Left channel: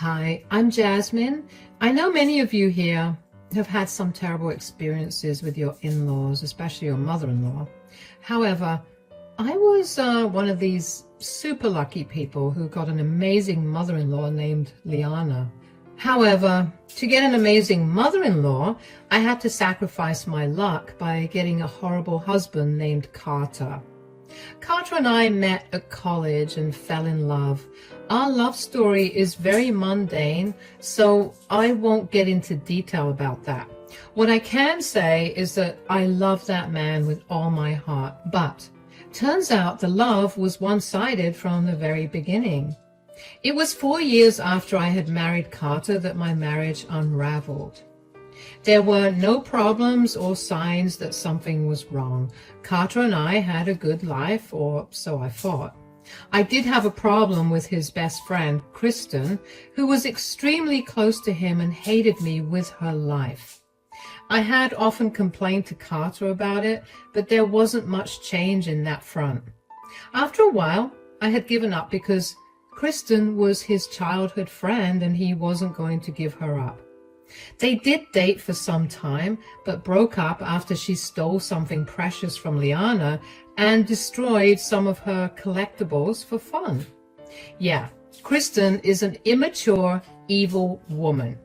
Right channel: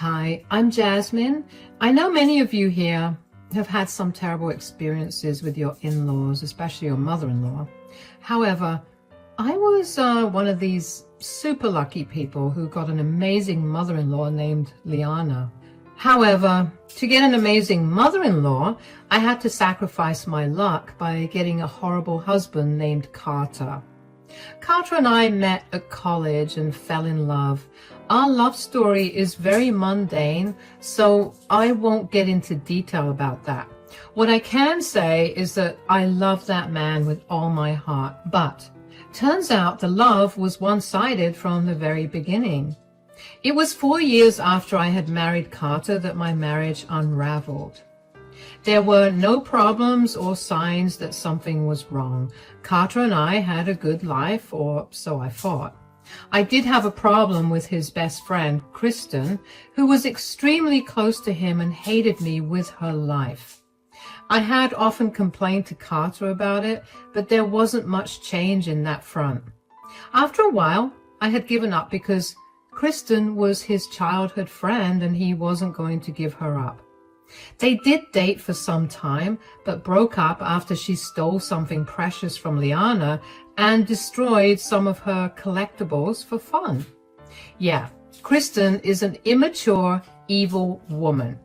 Hi, I'm Jasmine. I know many of you here have had some terrible experiences with your in-laws, especially your mother-in-law. However, I was one of these super lucky people who got an amazing mother-in-law named Liana. However, to get an amazing mother-in-law, I had to sacrifice my luck by getting a horrible husband named Carter. Carter and I met at college and fell in love. Our love story is very mundane, so I won't get into detail about that. What I can say is that I love that man with all my heart, but turns out the love was one-sided from the very beginning. It was 4 years after I had married Carter that my marriage unraveled. There were no problems or signs that something was wrong. Carter and I had a good life, or so I thought. I did have a problem with his best friend, Kristen, who was extremely close to him and hated me with her life. I had often complained to Carter about it, but there wasn't much change in that front. After a while, I had given up because Kristen was his childhood friend and he wasn't going to give her up. They did date for some time, but broke up after she stole something precious from Liana and destroyed some of her collectibles for fun. Yeah, Kristen is an immature, evil woman.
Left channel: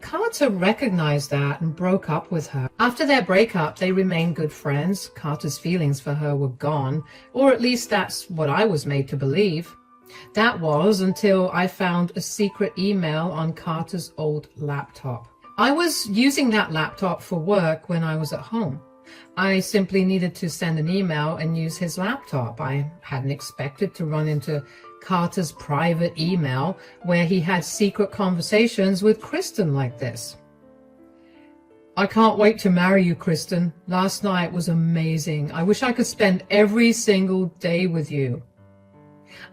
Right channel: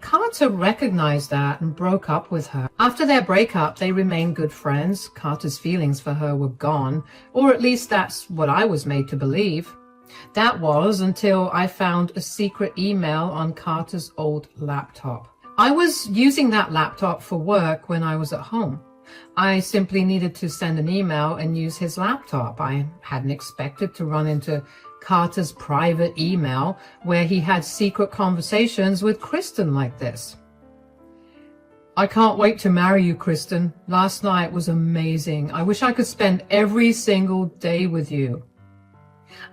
Carter recognized that and broke up with her. After their breakup, they remained good friends. Carter's feelings for her were gone, or at least that's what I was made to believe. That was until I found a secret email on Carter's old laptop. I was using that laptop for work when I was at home. I simply needed to send an email and use his laptop. I hadn't expected to run into Carter's private email where he had secret conversations with Kristen like this. I can't wait to marry you, Kristen. Last night was amazing. I wish I could spend every single day with you.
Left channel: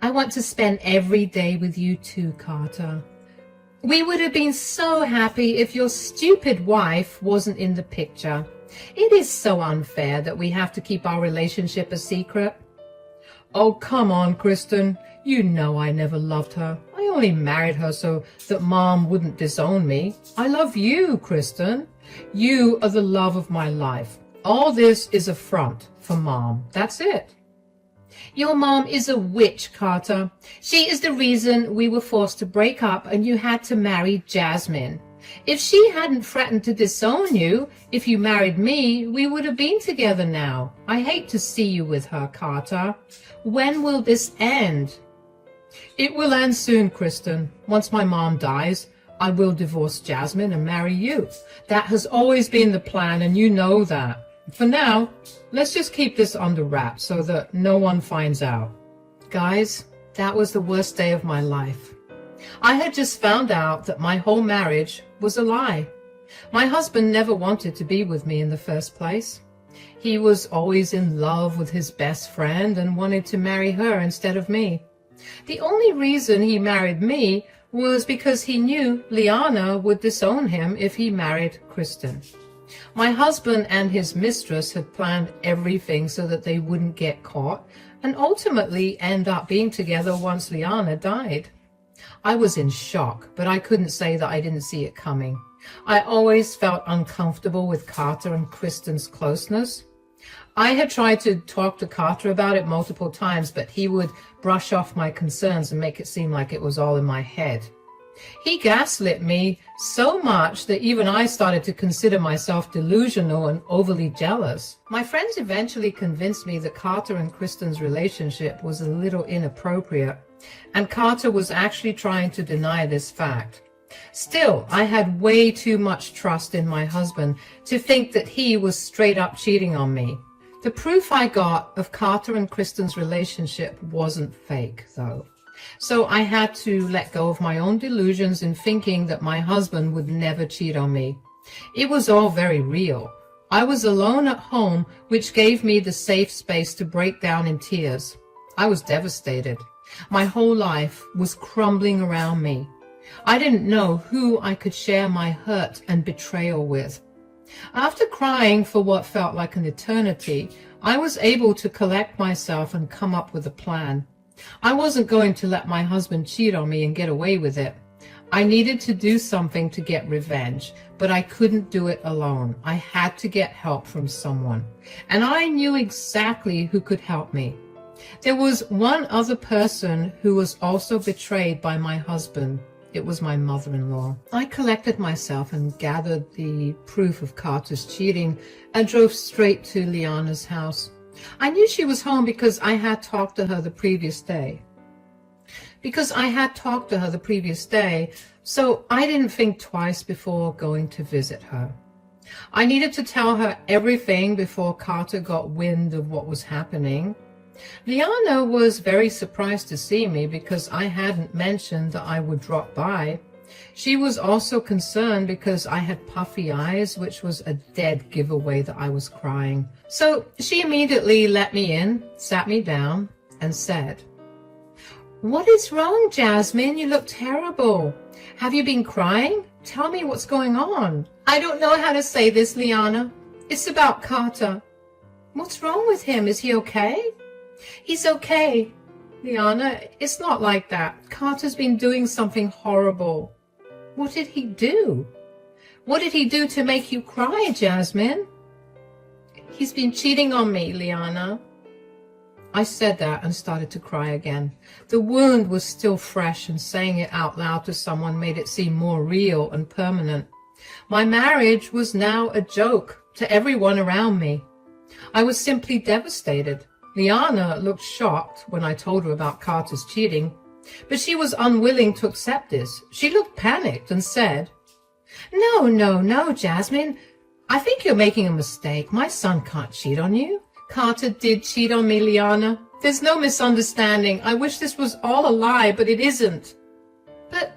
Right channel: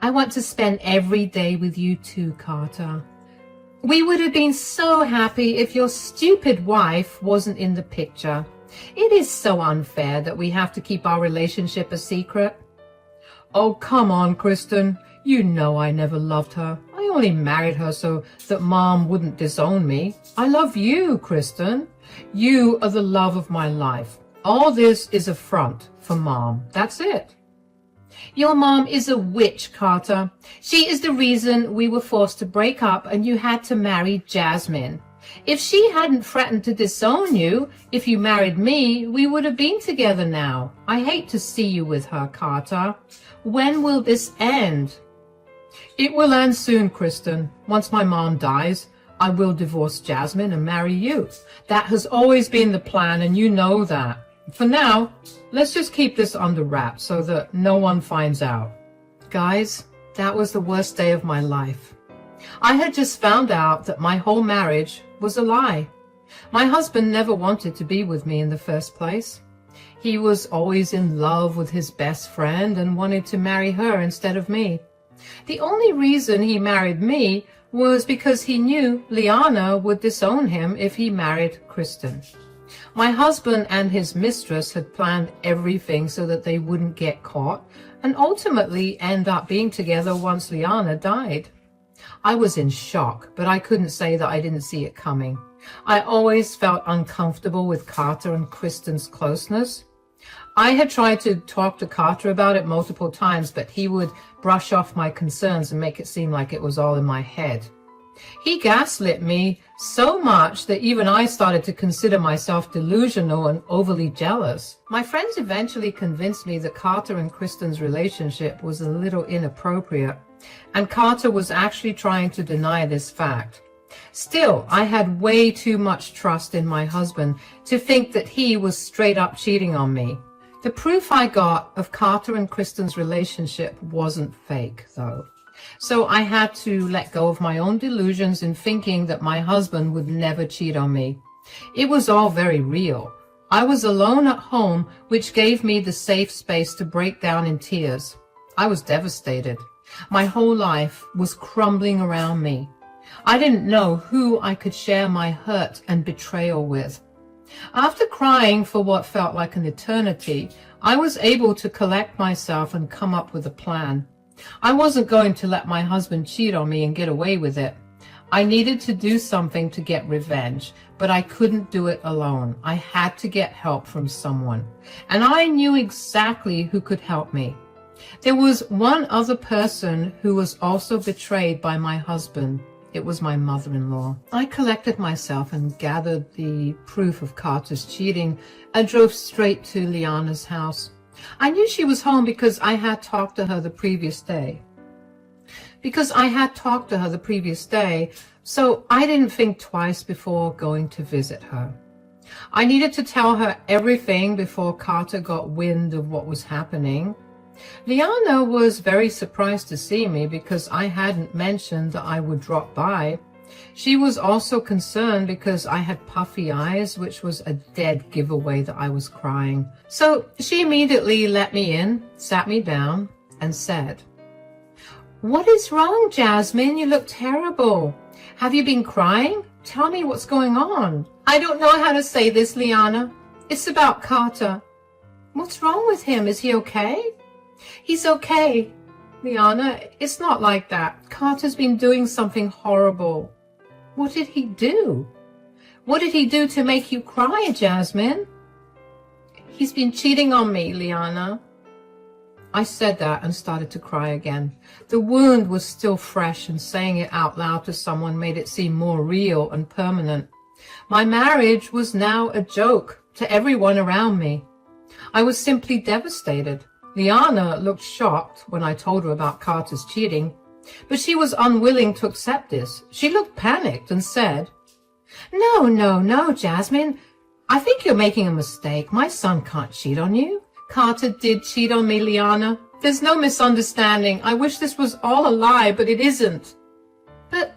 I want to spend every day with you too, Carter. We would have been so happy if your stupid wife wasn't in the picture. It is so unfair that we have to keep our relationship a secret. Oh, come on, Kristen. You know I never loved her. I only married her so that Mom wouldn't disown me. I love you, Kristen. You are the love of my life. All this is a front for Mom. That's it. Your mom is a witch, Carter. She is the reason we were forced to break up and you had to marry Jasmine. If she hadn't threatened to disown you, if you married me, we would have been together now. I hate to see you with her, Carter. When will this end? It will end soon, Kristen. Once my mom dies, I will divorce Jasmine and marry you. That has always been the plan, and you know that. For now, let's just keep this under wraps so that no one finds out. Guys, that was the worst day of my life. I had just found out that my whole marriage was a lie. My husband never wanted to be with me in the first place. He was always in love with his best friend and wanted to marry her instead of me. The only reason he married me was because he knew Liana would disown him if he married Kristen. My husband and his mistress had planned everything so that they wouldn't get caught and ultimately end up being together once Liana died. I was in shock, but I couldn't say that I didn't see it coming. I always felt uncomfortable with Carter and Kristen's closeness. I had tried to talk to Carter about it multiple times, but he would brush off my concerns and make it seem like it was all in my head. He gaslit me so much that even I started to consider myself delusional and overly jealous. My friends eventually convinced me that Carter and Kristen's relationship was a little inappropriate, and Carter was actually trying to deny this fact. Still, I had way too much trust in my husband to think that he was straight up cheating on me. The proof I got of Carter and Kristen's relationship wasn't fake, though. So I had to let go of my own delusions in thinking that my husband would never cheat on me. It was all very real. I was alone at home, which gave me the safe space to break down in tears. I was devastated. My whole life was crumbling around me. I didn't know who I could share my hurt and betrayal with. After crying for what felt like an eternity, I was able to collect myself and come up with a plan. I wasn't going to let my husband cheat on me and get away with it. I needed to do something to get revenge, but I couldn't do it alone. I had to get help from someone, and I knew exactly who could help me. There was one other person who was also betrayed by my husband. It was my mother-in-law. I collected myself and gathered the proof of Carter's cheating and drove straight to Liana's house. I knew she was home because I had talked to her the previous day. So I didn't think twice before going to visit her. I needed to tell her everything before Carter got wind of what was happening. Liana was very surprised to see me because I hadn't mentioned that I would drop by. She was also concerned because I had puffy eyes, which was a dead giveaway that I was crying. So she immediately let me in, sat me down, and said, "What is wrong, Jasmine? You look terrible. Have you been crying? Tell me what's going on." "I don't know how to say this, Liana. It's about Carter." "What's wrong with him? Is he okay?" "He's okay, Liana. It's not like that. Carter's been doing something horrible." "What did he do? What did he do to make you cry, Jasmine?" "He's been cheating on me, Liana." I said that and started to cry again. The wound was still fresh, and saying it out loud to someone made it seem more real and permanent. My marriage was now a joke to everyone around me. I was simply devastated. Liana looked shocked when I told her about Carter's cheating, but she was unwilling to accept this. She looked panicked and said, No, Jasmine. I think you're making a mistake. My son can't cheat on you." "Carter did cheat on me, Liana. There's no misunderstanding. I wish this was all a lie, but it isn't." But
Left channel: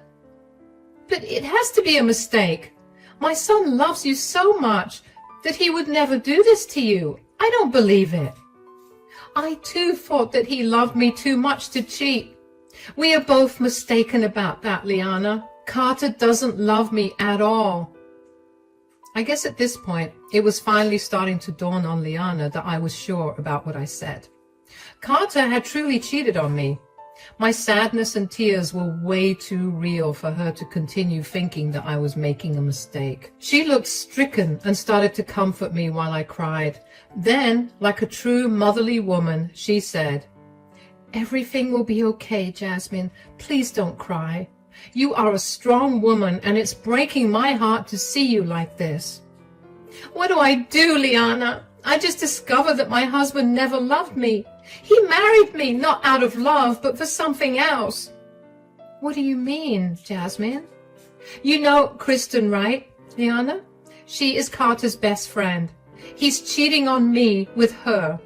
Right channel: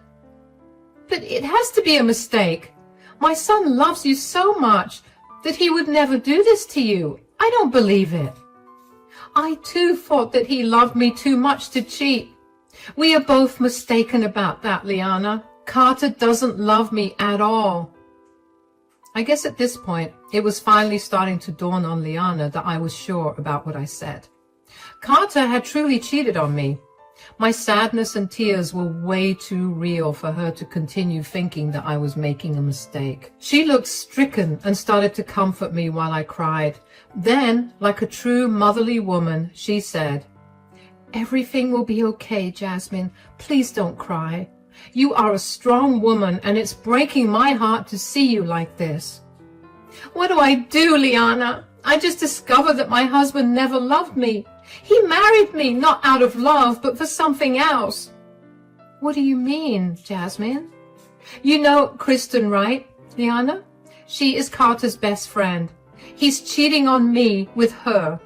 it has to be a mistake. My son loves you so much that he would never do this to you. I don't believe it." "I too thought that he loved me too much to cheat. We are both mistaken about that, Liana. Carter doesn't love me at all." I guess at this point, it was finally starting to dawn on Liana that I was sure about what I said. Carter had truly cheated on me. My sadness and tears were way too real for her to continue thinking that I was making a mistake. She looked stricken and started to comfort me while I cried. Then, like a true motherly woman, she said, "Everything will be okay, Jasmine. Please don't cry. You are a strong woman, and it's breaking my heart to see you like this." "What do I do, Liana? I just discovered that my husband never loved me. He married me, not out of love, but for something else." "What do you mean, Jasmine?" "You know Kristen, right, Liana? She is Carter's best friend. He's cheating on me with her."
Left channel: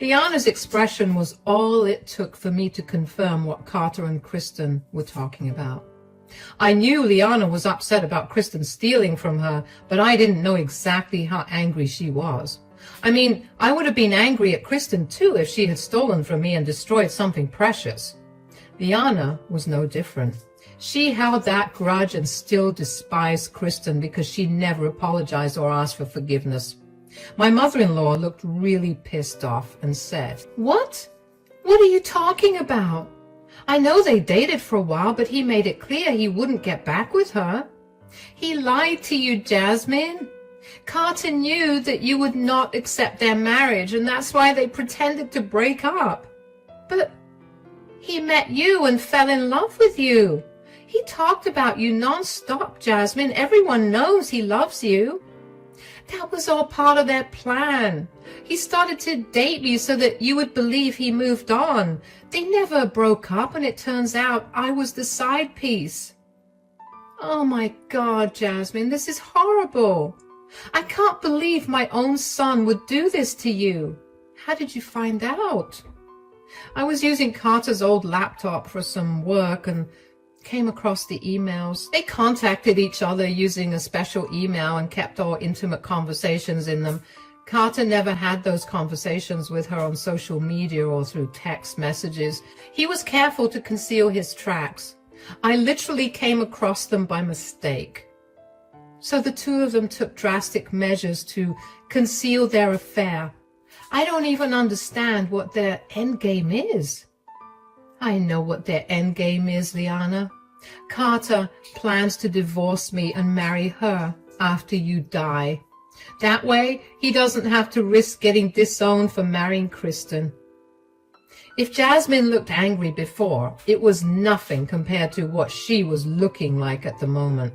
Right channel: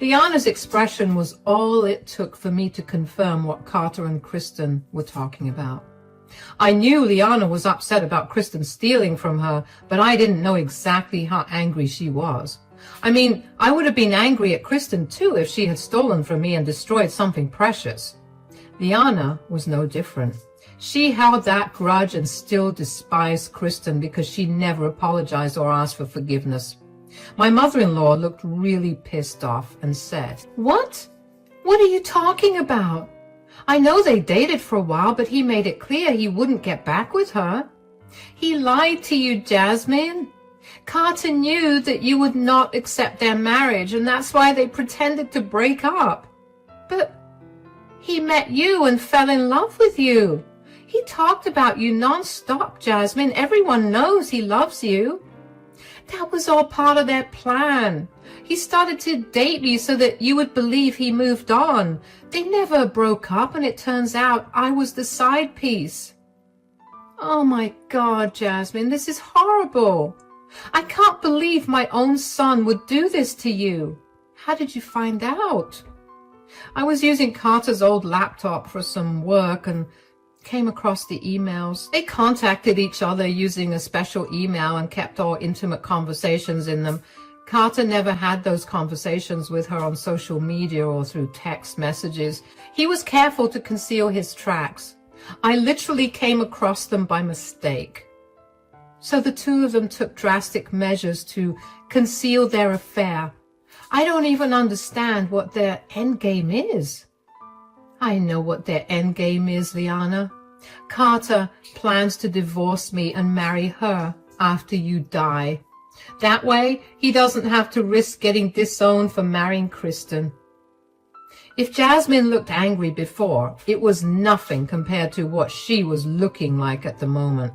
Liana's expression was all it took for me to confirm what Carter and Kristen were talking about. I knew Liana was upset about Kristen stealing from her, but I didn't know exactly how angry she was. I mean, I would have been angry at Kristen too if she had stolen from me and destroyed something precious. Liana was no different. She held that grudge and still despised Kristen because she never apologized or asked for forgiveness. My mother-in-law looked really pissed off and said, "What? What are you talking about? I know they dated for a while, but he made it clear he wouldn't get back with her." "He lied to you, Jasmine. Carter knew that you would not accept their marriage, and that's why they pretended to break up." "But he met you and fell in love with you. He talked about you non-stop, Jasmine. Everyone knows he loves you." "That was all part of their plan. He started to date you so that you would believe he moved on. They never broke up, and it turns out I was the side piece." "Oh my God, Jasmine, this is horrible. I can't believe my own son would do this to you. How did you find out?" I was using Carter's old laptop for some work and came across the emails. They contacted each other using a special email and kept all intimate conversations in them. Carter never had those conversations with her on social media or through text messages. He was careful to conceal his tracks. I literally came across them by mistake. So the two of them took drastic measures to conceal their affair. I don't even understand what their endgame is. I know what their endgame is, Liana. Carter plans to divorce me and marry her after you die. That way, he doesn't have to risk getting disowned for marrying Kristen. If Jasmine looked angry before, it was nothing compared to what she was looking like at the moment.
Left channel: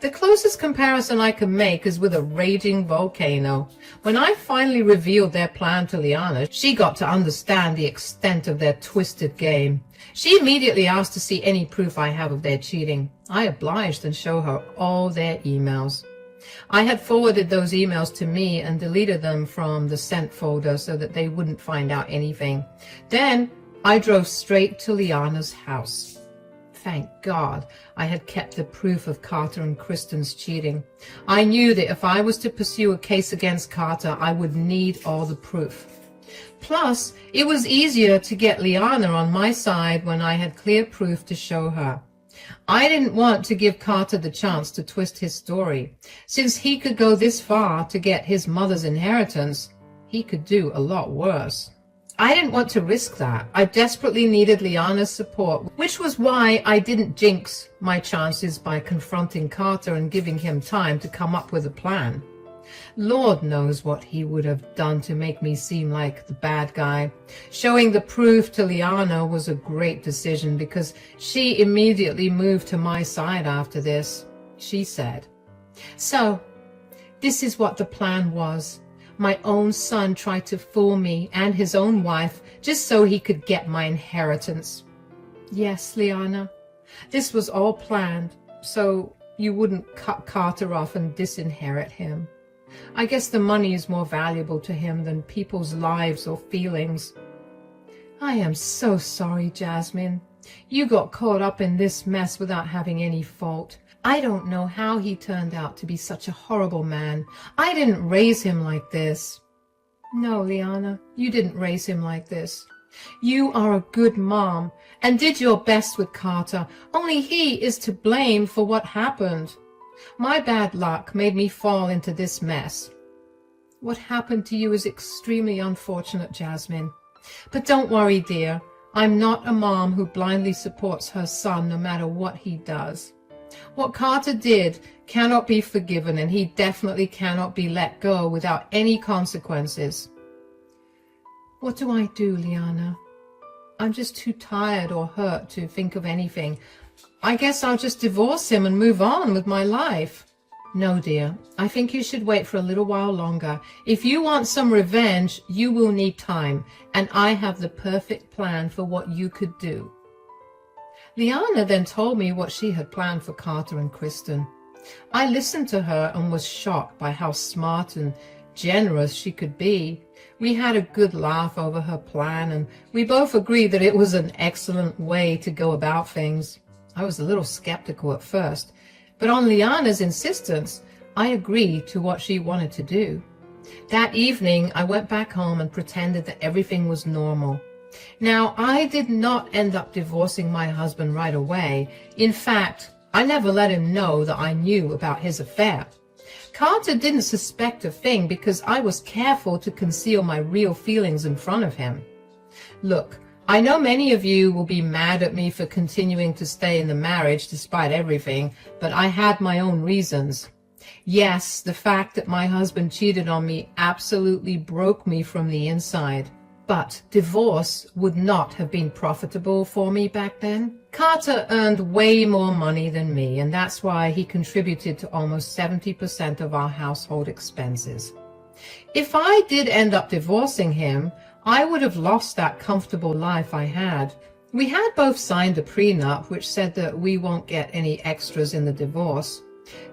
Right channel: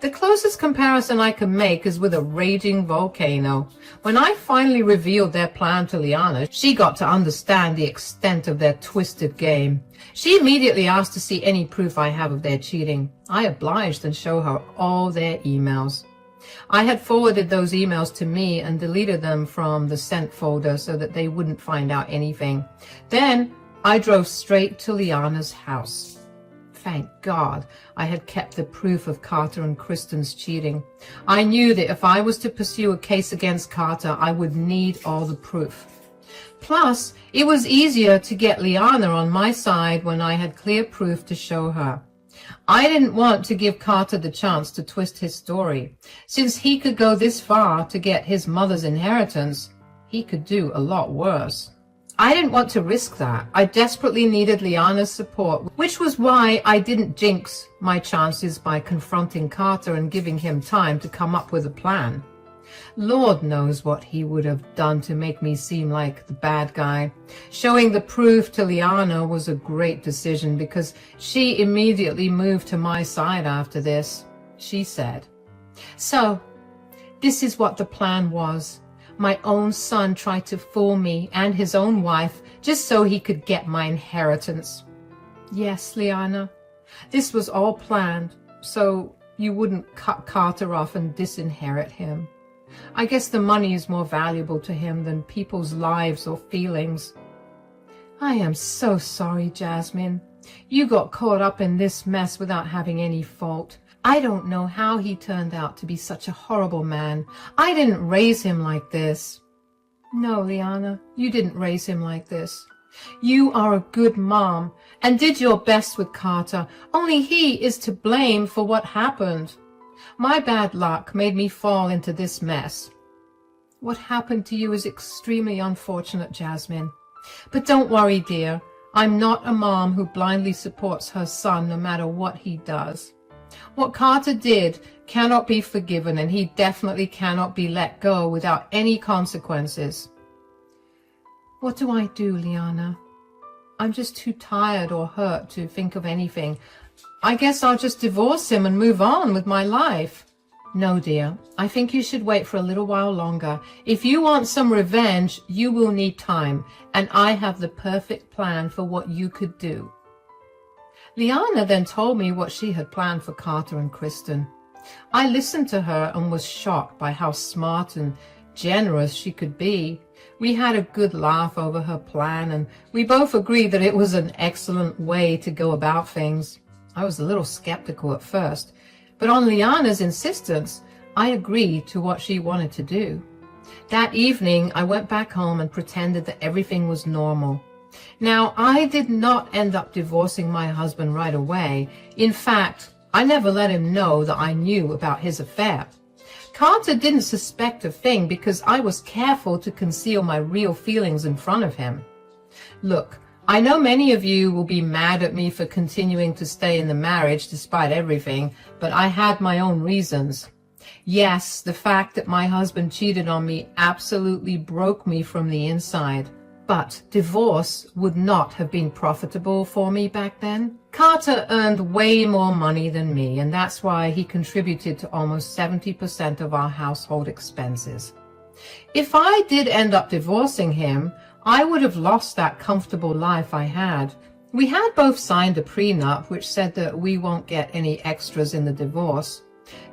The closest comparison I can make is with a raging volcano. When I finally revealed their plan to Liana, she got to understand the extent of their twisted game. She immediately asked to see any proof I have of their cheating. I obliged and showed her all their emails. I had forwarded those emails to me and deleted them from the sent folder so that they wouldn't find out anything. Then I drove straight to Liana's house. Thank God I had kept the proof of Carter and Kristen's cheating. I knew that if I was to pursue a case against Carter, I would need all the proof. Plus, it was easier to get Liana on my side when I had clear proof to show her. I didn't want to give Carter the chance to twist his story. Since he could go this far to get his mother's inheritance, he could do a lot worse. I didn't want to risk that. I desperately needed Liana's support, which was why I didn't jinx my chances by confronting Carter and giving him time to come up with a plan. Lord knows what he would have done to make me seem like the bad guy. Showing the proof to Liana was a great decision because she immediately moved to my side after this. She said, "So, this is what the plan was. My own son tried to fool me and his own wife just so he could get my inheritance." "Yes, Liana, this was all planned so you wouldn't cut Carter off and disinherit him. I guess the money is more valuable to him than people's lives or feelings." "I am so sorry, Jasmine. You got caught up in this mess without having any fault. I don't know how he turned out to be such a horrible man. I didn't raise him like this." "No, Liana, you didn't raise him like this. You are a good mom and did your best with Carter. Only he is to blame for what happened. My bad luck made me fall into this mess. What happened to you is extremely unfortunate, Jasmine. But don't worry, dear. I'm not a mom who blindly supports her son no matter what he does. What Carter did cannot be forgiven, and he definitely cannot be let go without any consequences." "What do I do, Liana? I'm just too tired or hurt to think of anything. I guess I'll just divorce him and move on with my life." "No, dear. I think you should wait for a little while longer. If you want some revenge, you will need time, and I have the perfect plan for what you could do." Liana then told me what she had planned for Carter and Kristen. I listened to her and was shocked by how smart and generous she could be. We had a good laugh over her plan, and we both agreed that it was an excellent way to go about things. I was a little skeptical at first, but on Liana's insistence, I agreed to what she wanted to do. That evening, I went back home and pretended that everything was normal. Now, I did not end up divorcing my husband right away. In fact, I never let him know that I knew about his affair. Carter didn't suspect a thing because I was careful to conceal my real feelings in front of him. Look, I know many of you will be mad at me for continuing to stay in the marriage despite everything, but I had my own reasons. Yes, the fact that my husband cheated on me absolutely broke me from the inside. But divorce would not have been profitable for me back then. Carter earned way more money than me, and that's why he contributed to almost 70% of our household expenses. If I did end up divorcing him, I would have lost that comfortable life I had. We had both signed a prenup which said that we won't get any extras in the divorce.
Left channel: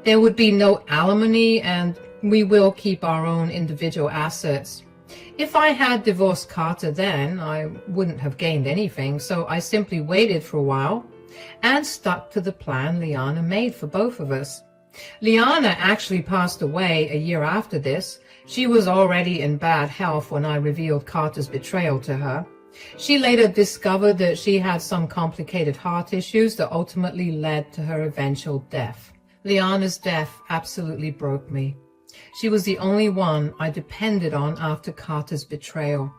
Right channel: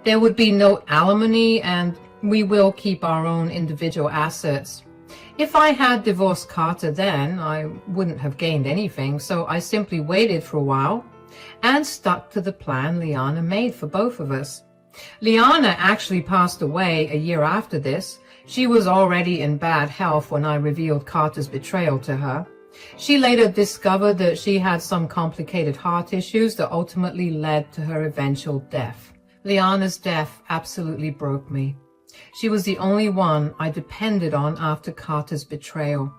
There would be no alimony, and we will keep our own individual assets. If I had divorced Carter then, I wouldn't have gained anything, so I simply waited for a while and stuck to the plan Liana made for both of us. Liana actually passed away a year after this. She was already in bad health when I revealed Carter's betrayal to her. She later discovered that she had some complicated heart issues that ultimately led to her eventual death. Liana's death absolutely broke me. She was the only one I depended on after Carter's betrayal.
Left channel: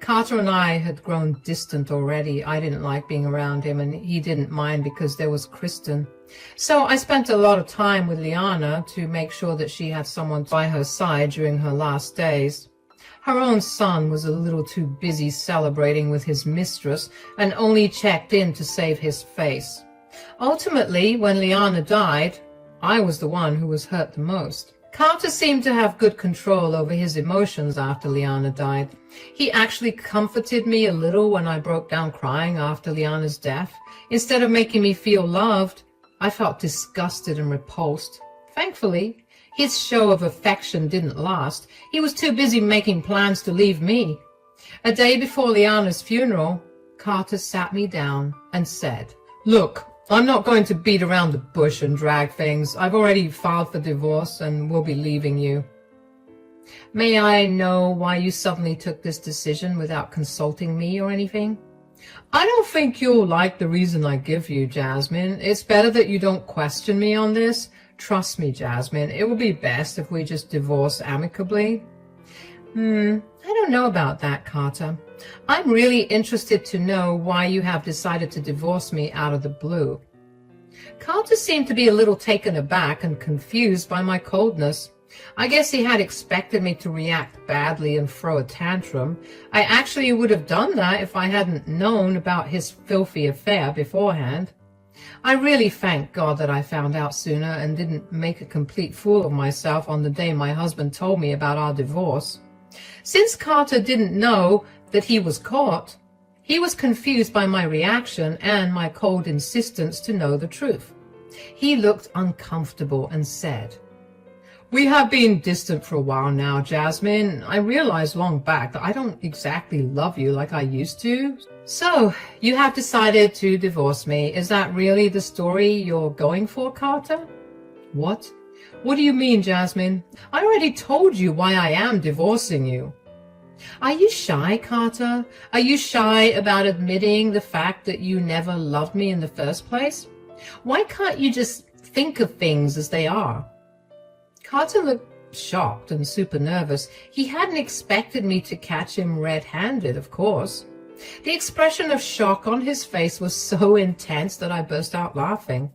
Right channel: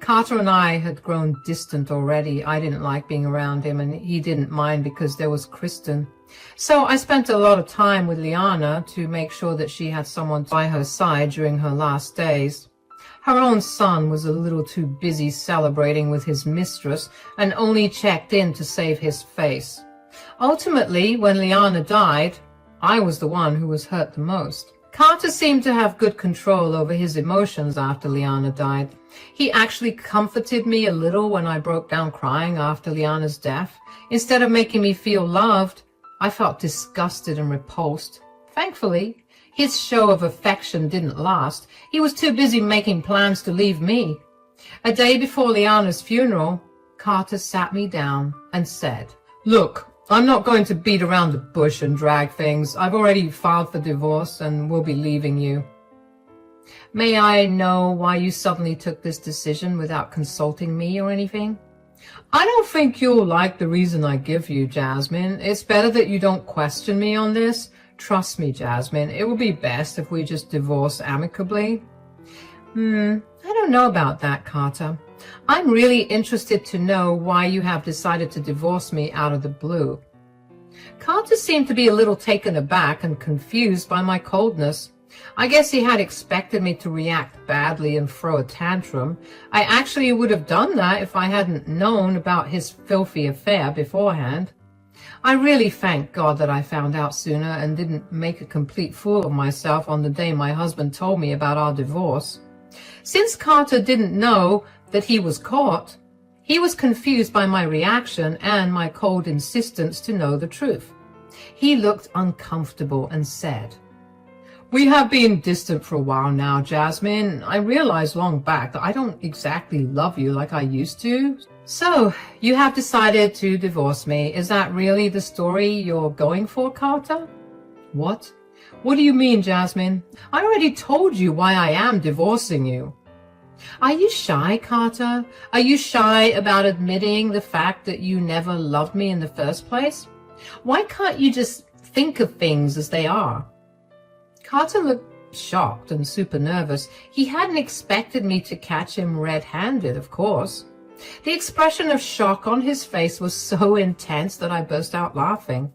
Carter and I had grown distant already. I didn't like being around him, and he didn't mind because there was Kristen. So I spent a lot of time with Liana to make sure that she had someone by her side during her last days. Her own son was a little too busy celebrating with his mistress and only checked in to save his face. Ultimately, when Liana died, I was the one who was hurt the most. Carter seemed to have good control over his emotions after Liana died. He actually comforted me a little when I broke down crying after Liana's death. Instead of making me feel loved, I felt disgusted and repulsed. Thankfully, his show of affection didn't last. He was too busy making plans to leave me. A day before Liana's funeral, Carter sat me down and said, "Look, I'm not going to beat around the bush and drag things. I've already filed for divorce and will be leaving you. May I know why you suddenly took this decision without consulting me or anything?" "I don't think you'll like the reason I give you, Jasmine. It's better that you don't question me on this. Trust me, Jasmine, it will be best if we just divorce amicably." I don't know about that, Carter. I'm really interested to know why you have decided to divorce me out of the blue. Carter seemed to be a little taken aback and confused by my coldness. I guess he had expected me to react badly and throw a tantrum. I actually would have done that if I hadn't known about his filthy affair beforehand. I really thank God that I found out sooner and didn't make a complete fool of myself on the day my husband told me about our divorce. Since Carter didn't know that he was caught, he was confused by my reaction and my cold insistence to know the truth. He looked uncomfortable and said, "We have been distant for a while now, Jasmine. I realized long back that I don't exactly love you like I used to. So, you have decided to divorce me. Is that really the story you're going for, Carter?" "What? What do you mean, Jasmine? I already told you why I am divorcing you." "Are you shy, Carter? Are you shy about admitting the fact that you never loved me in the first place? Why can't you just think of things as they are?" Carter looked shocked and super nervous. He hadn't expected me to catch him red-handed, of course. The expression of shock on his face was so intense that I burst out laughing.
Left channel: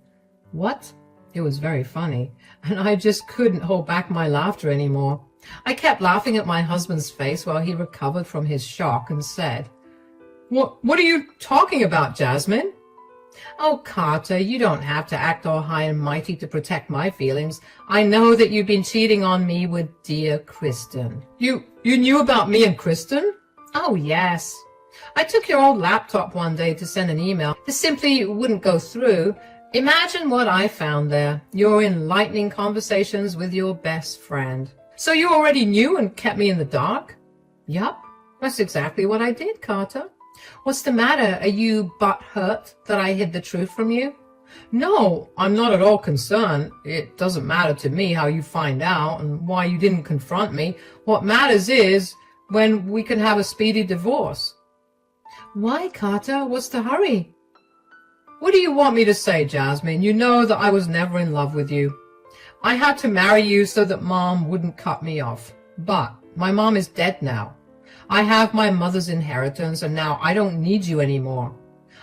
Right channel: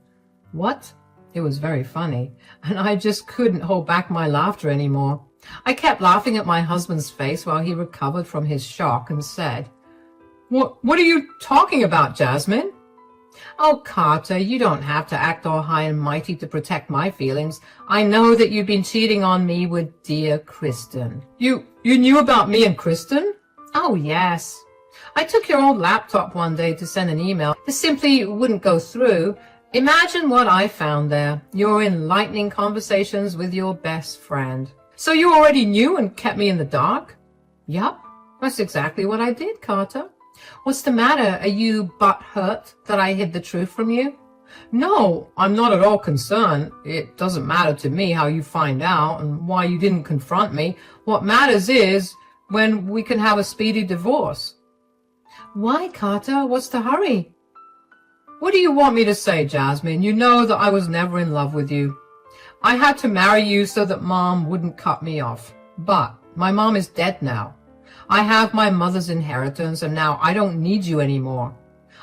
What? It was very funny, and I just couldn't hold back my laughter anymore. I kept laughing at my husband's face while he recovered from his shock and said, What are you talking about, Jasmine?" "Oh, Carter, you don't have to act all high and mighty to protect my feelings. I know that you've been cheating on me with dear Kristen." You knew about me and Kristen?" "Oh, yes. I took your old laptop one day to send an email. It simply wouldn't go through. Imagine what I found there. Your enlightening conversations with your best friend." "So you already knew and kept me in the dark?" "Yup, that's exactly what I did, Carter. What's the matter? Are you butthurt that I hid the truth from you?" "No, I'm not at all concerned. It doesn't matter to me how you find out and why you didn't confront me. What matters is when we can have a speedy divorce." "Why, Carter? What's the hurry?" "What do you want me to say, Jasmine? You know that I was never in love with you. I had to marry you so that Mom wouldn't cut me off. But my mom is dead now. I have my mother's inheritance, and now I don't need you anymore.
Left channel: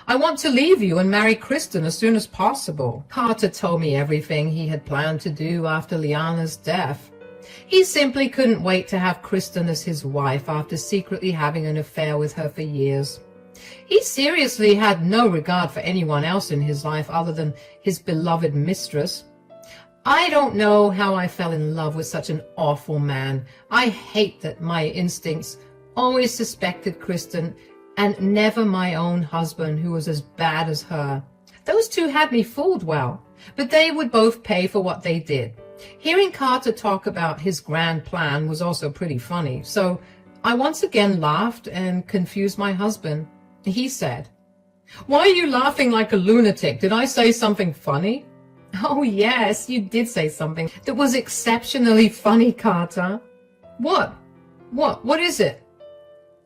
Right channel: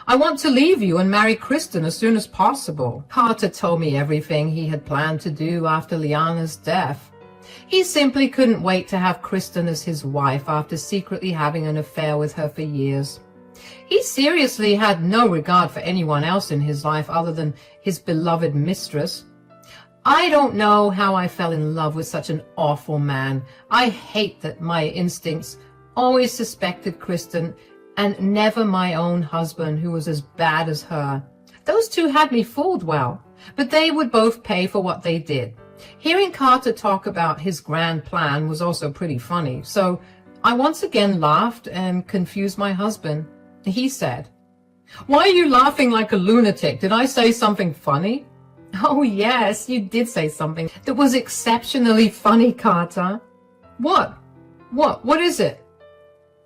I want to leave you and marry Kristen as soon as possible." Carter told me everything he had planned to do after Liana's death. He simply couldn't wait to have Kristen as his wife after secretly having an affair with her for years. He seriously had no regard for anyone else in his life other than his beloved mistress. I don't know how I fell in love with such an awful man. I hate that my instincts always suspected Kristen and never my own husband, who was as bad as her. Those two had me fooled well, but they would both pay for what they did. Hearing Carter talk about his grand plan was also pretty funny, so I once again laughed and confused my husband. He said, "Why are you laughing like a lunatic? Did I say something funny?" "Oh, yes, you did say something that was exceptionally funny, Carter." What? What is it?"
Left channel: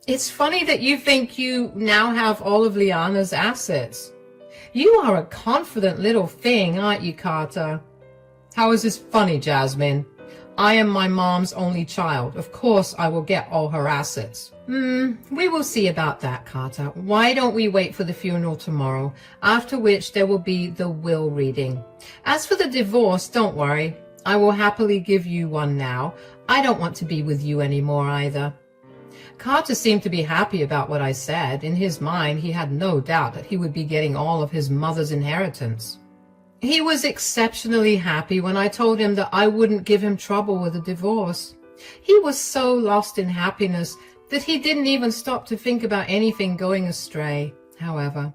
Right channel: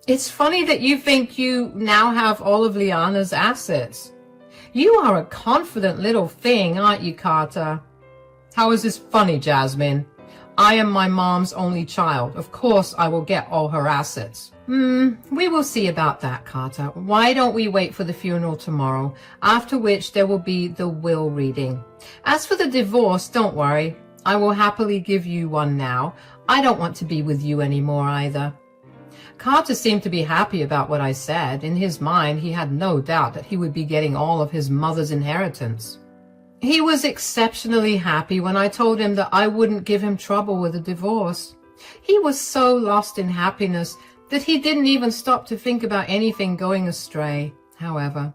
"It's funny that you think you now have all of Liana's assets. You are a confident little thing, aren't you, Carter?" "How is this funny, Jasmine? I am my mom's only child. Of course I will get all her assets." We will see about that, Carter. Why don't we wait for the funeral tomorrow, after which there will be the will reading. As for the divorce, don't worry. I will happily give you one now. I don't want to be with you anymore either. Carter seemed to be happy about what I said. In his mind, he had no doubt that he would be getting all of his mother's inheritance. He was exceptionally happy when I told him that I wouldn't give him trouble with a divorce. He was so lost in happiness that he didn't even stop to think about anything going astray. However,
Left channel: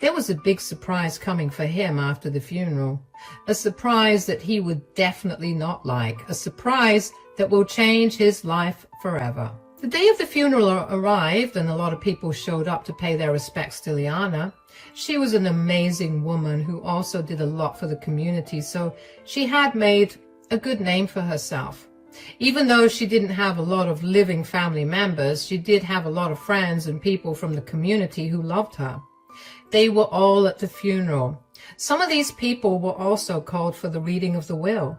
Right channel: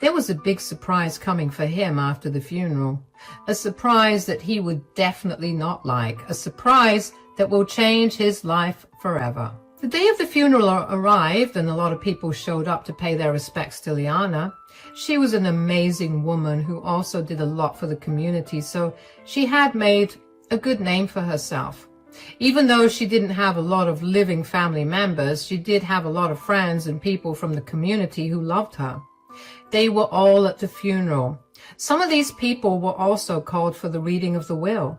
there was a big surprise coming for him after the funeral. A surprise that he would definitely not like. A surprise that will change his life forever. The day of the funeral arrived and a lot of people showed up to pay their respects to Liana. She was an amazing woman who also did a lot for the community, so she had made a good name for herself. Even though she didn't have a lot of living family members, she did have a lot of friends and people from the community who loved her. They were all at the funeral. Some of these people were also called for the reading of the will.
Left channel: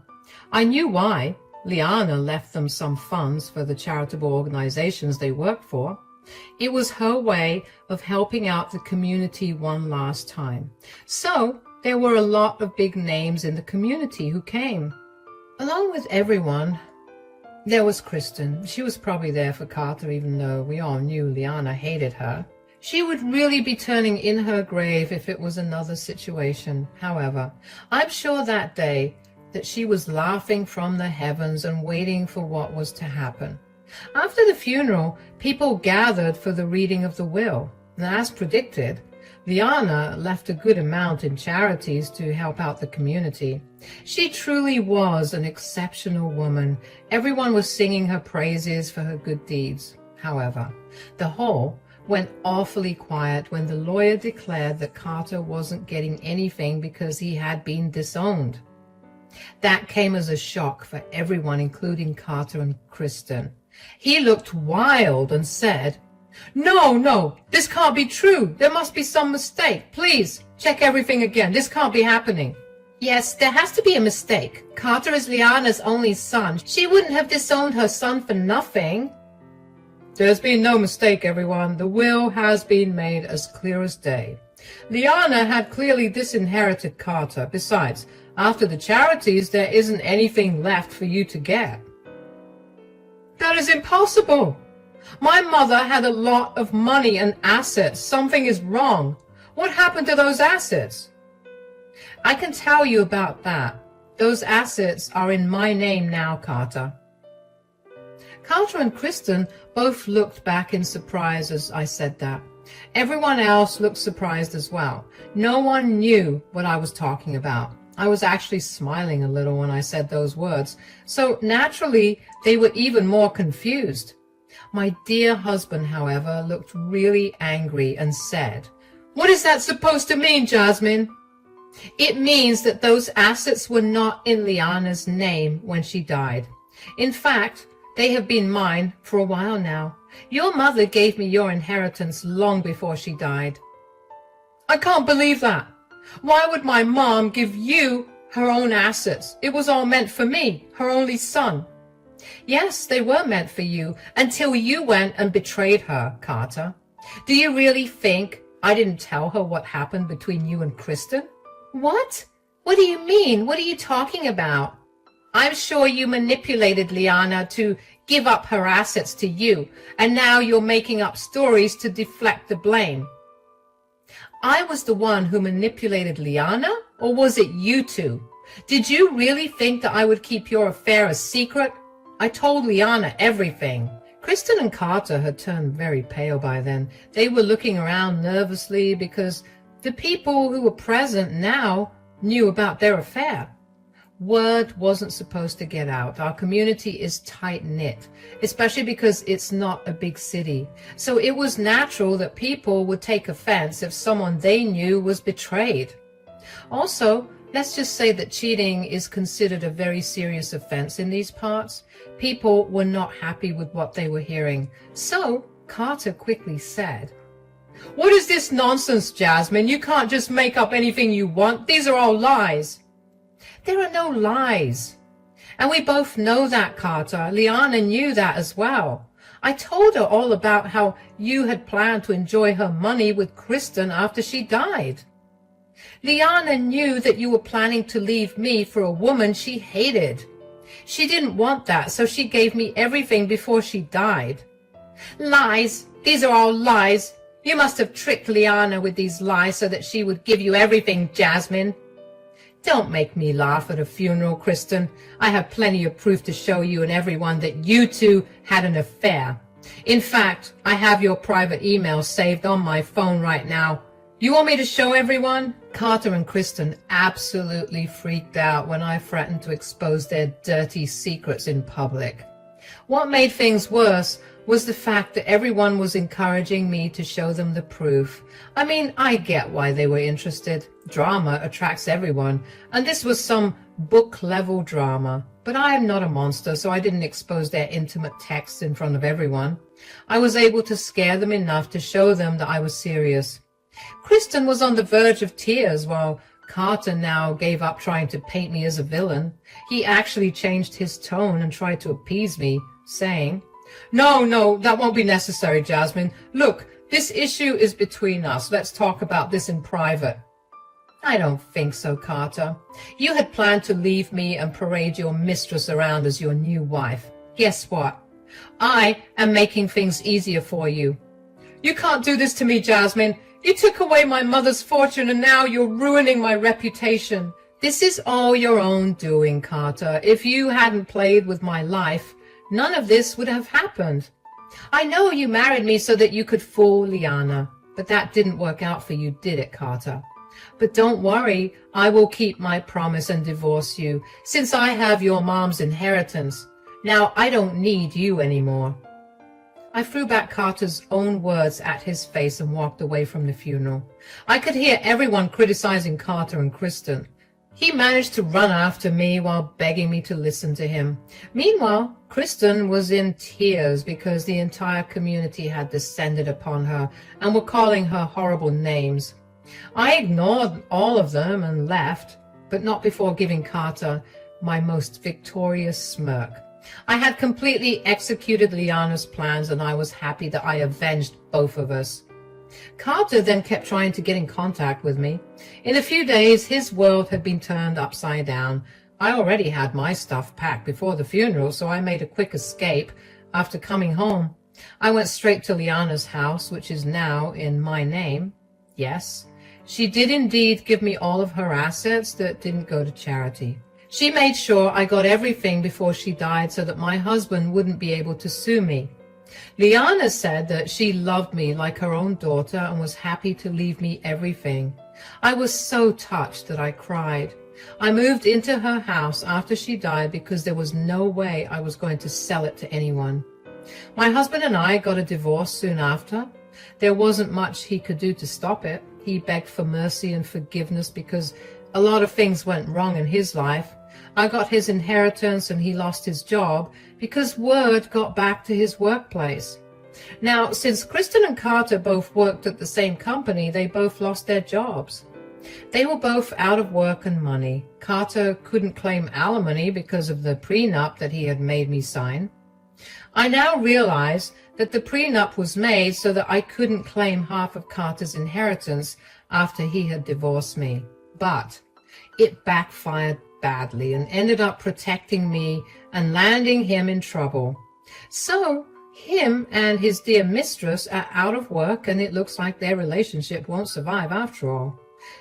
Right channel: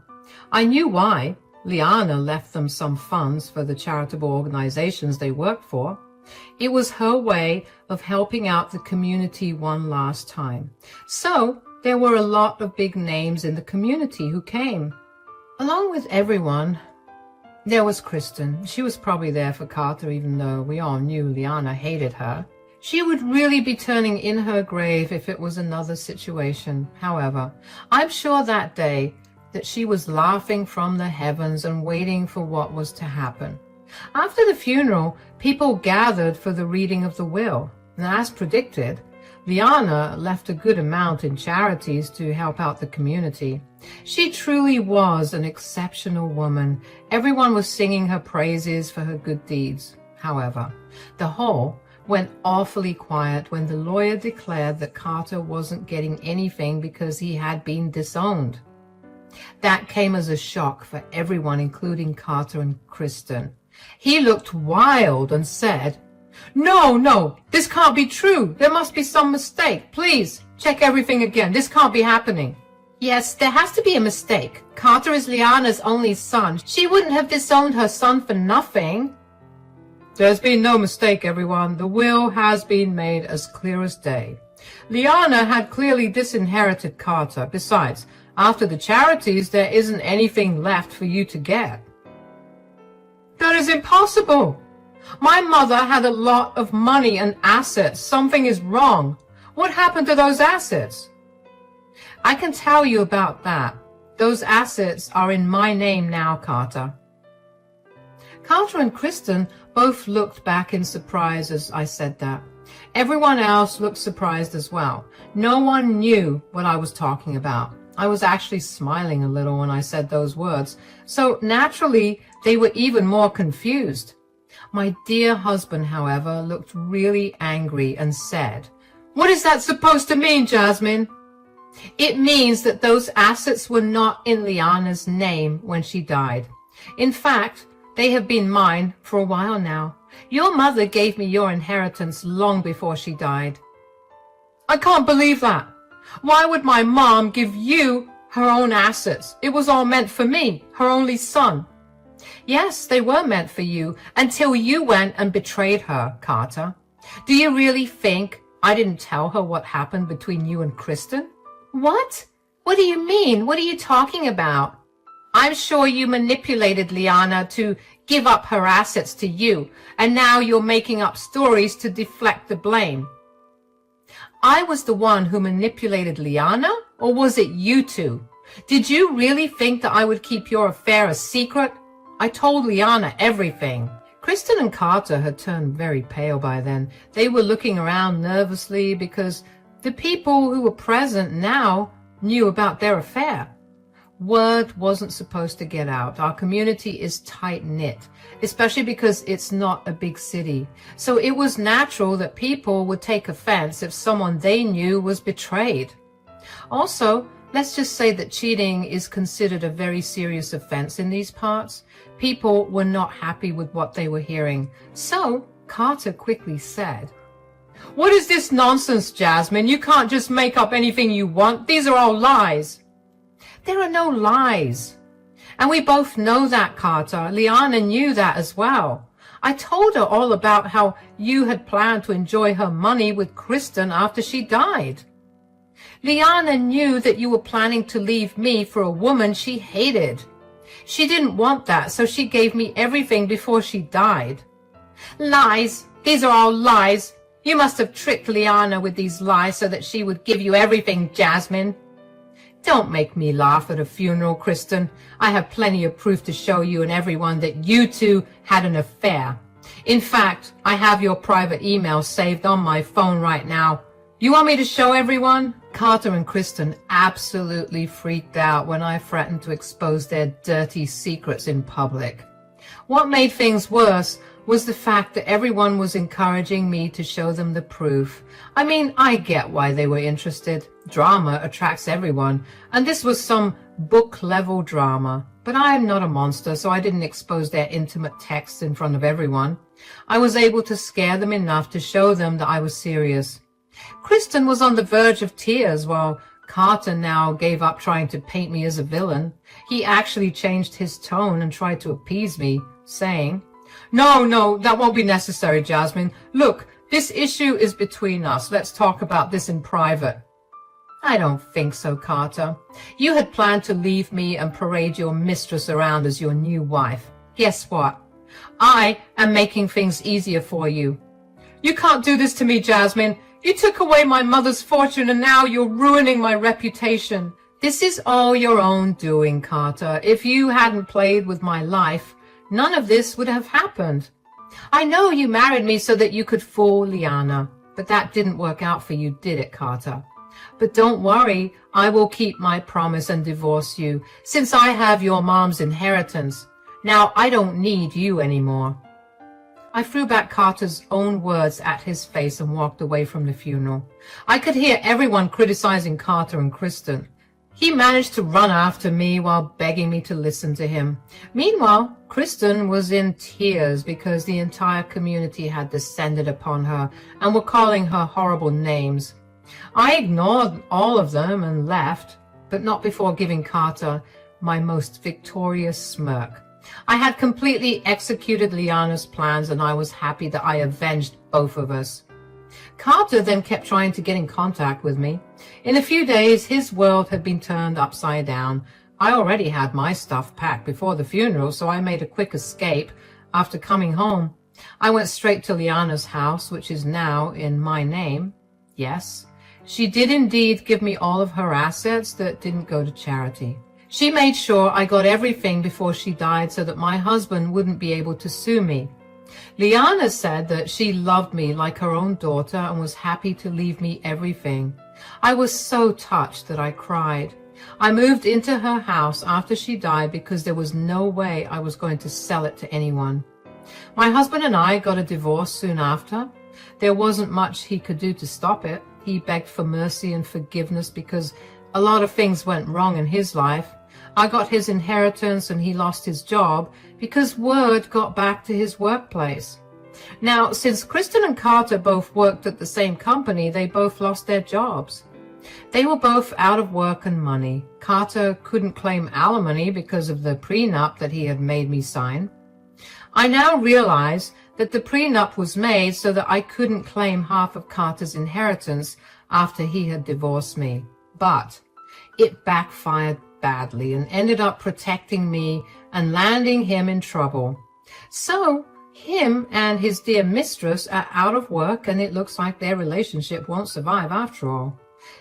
I knew why. Liana left them some funds for the charitable organizations they worked for. It was her way of helping out the community one last time. So there were a lot of big names in the community who came. Along with everyone, there was Kristen. She was probably there for Carter, even though we all knew Liana hated her. She would really be turning in her grave if it was another situation. However, I'm sure that day that she was laughing from the heavens and waiting for what was to happen. After the funeral, people gathered for the reading of the will. And as predicted, Liana left a good amount in charities to help out the community. She truly was an exceptional woman. Everyone was singing her praises for her good deeds. However, the hall went awfully quiet when the lawyer declared that Carter wasn't getting anything because he had been disowned. That came as a shock for everyone, including Carter and Kristen. He looked wild and said, No, this can't be true. There must be some mistake. Please, check everything again. This can't be happening. Yes, there has to be a mistake. Carter is Liana's only son. She wouldn't have disowned her son for nothing. There's been no mistake, everyone. The will has been made as clear as day. Liana had clearly disinherited Carter. Besides, after the charities, there isn't anything left for you to get. That is impossible. My mother had a lot of money and assets. Something is wrong. What happened to those assets? I can tell you about that. Those assets are in my name now, Carter. Carter and Kristen both looked back in surprise as I said that. Everyone else looked surprised as well. No one knew what I was talking about. I was actually smiling a little when I said those words, so naturally they were even more confused. My dear husband, however, looked really angry and said, What is that supposed to mean, Jasmine? It means that those assets were not in Liana's name when she died. In fact, they have been mine for a while now. Your mother gave me your inheritance long before she died. I can't believe that. Why would my mom give you her own assets? It was all meant for me, her only son. Yes, they were meant for you until you went and betrayed her, Carter. Do you really think I didn't tell her what happened between you and Kristen? What? What do you mean? What are you talking about? I'm sure you manipulated Liana to give up her assets to you, and now you're making up stories to deflect the blame. I was the one who manipulated Liana, or was it you two? Did you really think that I would keep your affair a secret? I told Liana everything. Kristen and Carter had turned very pale by then. They were looking around nervously because the people who were present now knew about their affair. Word wasn't supposed to get out. Our community is tight-knit, especially because it's not a big city. So it was natural that people would take offense if someone they knew was betrayed. Also, let's just say that cheating is considered a very serious offense in these parts. People were not happy with what they were hearing. So Carter quickly said, What is this nonsense, Jasmine? You can't just make up anything you want. These are all lies. There are no lies. And we both know that, Carter. Liana knew that as well. I told her all about how you had planned to enjoy her money with Kristen after she died. Liana knew that you were planning to leave me for a woman she hated. She didn't want that, so she gave me everything before she died. Lies. These are all lies. You must have tricked Liana with these lies so that she would give you everything, Jasmine. Don't make me laugh at a funeral, Kristen. I have plenty of proof to show you and everyone that you two had an affair. In fact, I have your private email saved on my phone right now. You want me to show everyone? Carter and Kristen absolutely freaked out when I threatened to expose their dirty secrets in public. What made things worse was the fact that everyone was encouraging me to show them the proof. I mean, I get why they were interested. Drama attracts everyone, and this was some book-level drama. But I am not a monster, so I didn't expose their intimate texts in front of everyone. I was able to scare them enough to show them that I was serious. Kristen was on the verge of tears, while Carter now gave up trying to paint me as a villain. He actually changed his tone and tried to appease me, saying, No, that won't be necessary, Jasmine. Look, this issue is between us. Let's talk about this in private. I don't think so, Carter. You had planned to leave me and parade your mistress around as your new wife. Guess what? I am making things easier for you. You can't do this to me, Jasmine. You took away my mother's fortune and now you're ruining my reputation. This is all your own doing, Carter. If you hadn't played with my life, none of this would have happened. I know you married me so that you could fool Liana, but that didn't work out for you, did it, Carter? But don't worry, I will keep my promise and divorce you, since I have your mom's inheritance. Now I don't need you anymore. I threw back Carter's own words at his face and walked away from the funeral. I could hear everyone criticizing Carter and Kristen. He managed to run after me while begging me to listen to him. Meanwhile, Kristen was in tears because the entire community had descended upon her and were calling her horrible names. I ignored all of them and left, but not before giving Carter my most victorious smirk. I had completely executed Liana's plans, and I was happy that I avenged both of us. Carter then kept trying to get in contact with me. In a few days, his world had been turned upside down. I already had my stuff packed before the funeral, so I made a quick escape after coming home. I went straight to Liana's house, which is now in my name. Yes, she did indeed give me all of her assets that didn't go to charity. She made sure I got everything before she died so that my husband wouldn't be able to sue me. Liana said that she loved me like her own daughter and was happy to leave me everything. I was so touched that I cried. I moved into her house after she died because there was no way I was going to sell it to anyone. My husband and I got a divorce soon after. There wasn't much he could do to stop it. He begged for mercy and forgiveness because a lot of things went wrong in his life. I got his inheritance and he lost his job because word got back to his workplace. Now, since Kristen and Carter both worked at the same company, they both lost their jobs. They were both out of work and money. Carter couldn't claim alimony because of the prenup that he had made me sign. I now realize that the prenup was made so that I couldn't claim half of Carter's inheritance after he had divorced me. But it backfired badly and ended up protecting me and landing him in trouble. So him and his dear mistress are out of work, and it looks like their relationship won't survive after all.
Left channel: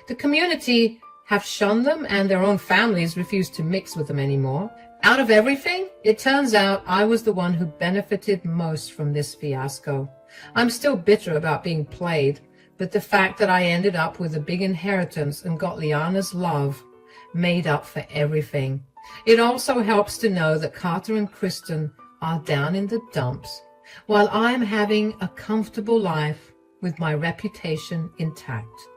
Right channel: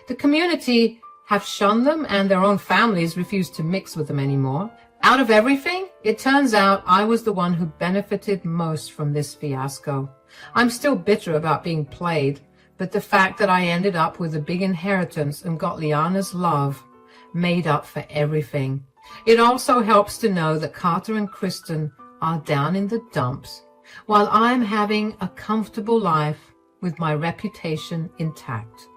The community have shunned them, and their own families refuse to mix with them anymore. Out of everything, it turns out I was the one who benefited most from this fiasco. I'm still bitter about being played, but the fact that I ended up with a big inheritance and got Liana's love made up for everything. It also helps to know that Carter and Kristen are down in the dumps, while I'm having a comfortable life with my reputation intact.